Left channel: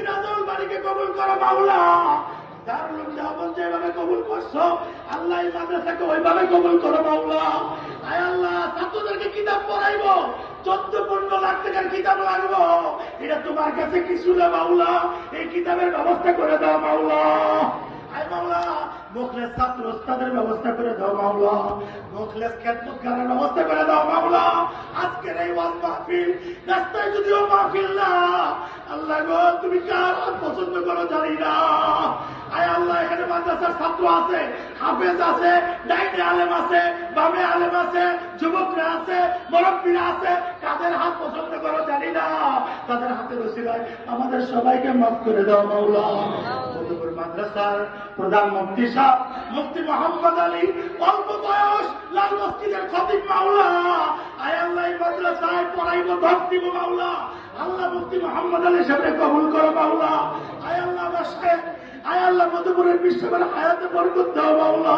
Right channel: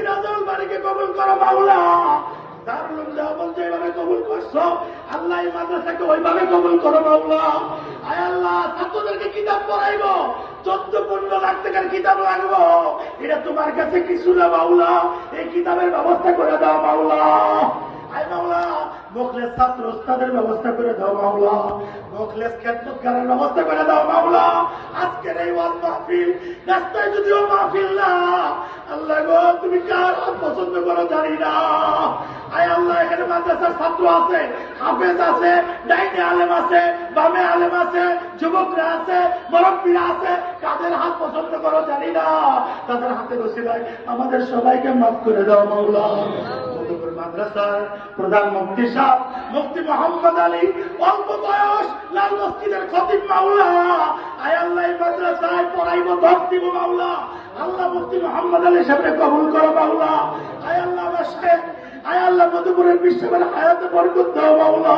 মুফতি রাজাউল বাড়িকে কবুল করো মাওলা। দারুল দেওবন্দ যেভাবে কবুল করছো আল্লাহ এই মাদ্রাসাকে ওইভাবে কবুল করো মাওলা। আয় আল্লাহ ছাত্রদেরকে কিতাব পড়াইবো, 14-15 লাখ টাকার কিতাব লাগবো, এটা তোমার কাছে কিছু না মাওলা। এই কিতাবের ব্যবস্থা করে দাও মাওলা। আয় মাওলা মুখলেস ছাত্র ওস্তাদের ব্যবস্থা করে দাও মাওলা, মুখলেস খেদমতগারের ব্যবস্থা করে দাও মাওলা। আজকের এই ওয়াজ মাহফিল রাস্তায় যদিও মাহফিল না, আল্লাহ গো তুমি কার পছন্দ করো জানি না। আয় আল্লাহ এখানে মাদ্রাসার ছাত্র আছে, হাফেজ আছে, ডাইনে আলেম আছে, বামে আলেম আছে, যুবকরা আছে, মুরব্বীরা আছে, কাদের হাত পছন্দ করো জানি না। তাদের হাতে বসে দেয় আমাদের সবাইকে মাফ করে দাও মাওলা। মাদ্রাসার প্রধান মুফতি সাহেব মুফতি মোহাম্মদ আলী, অল্প বয়স, লাল মসজিদের খতিব মাওলা। আয় আল্লাহ এই মাদ্রাসায় পড়াইব, ধর্ম দিব মাওলা। আল্লাহ মুফতি মোহাম্মদ আলী সাহেবকে কবুল করো মাওলা। আয় আল্লাহ আয় আল্লাহ মধুপুরের বিশ্ববেলা হায়াতে বরকত দাও মাওলা।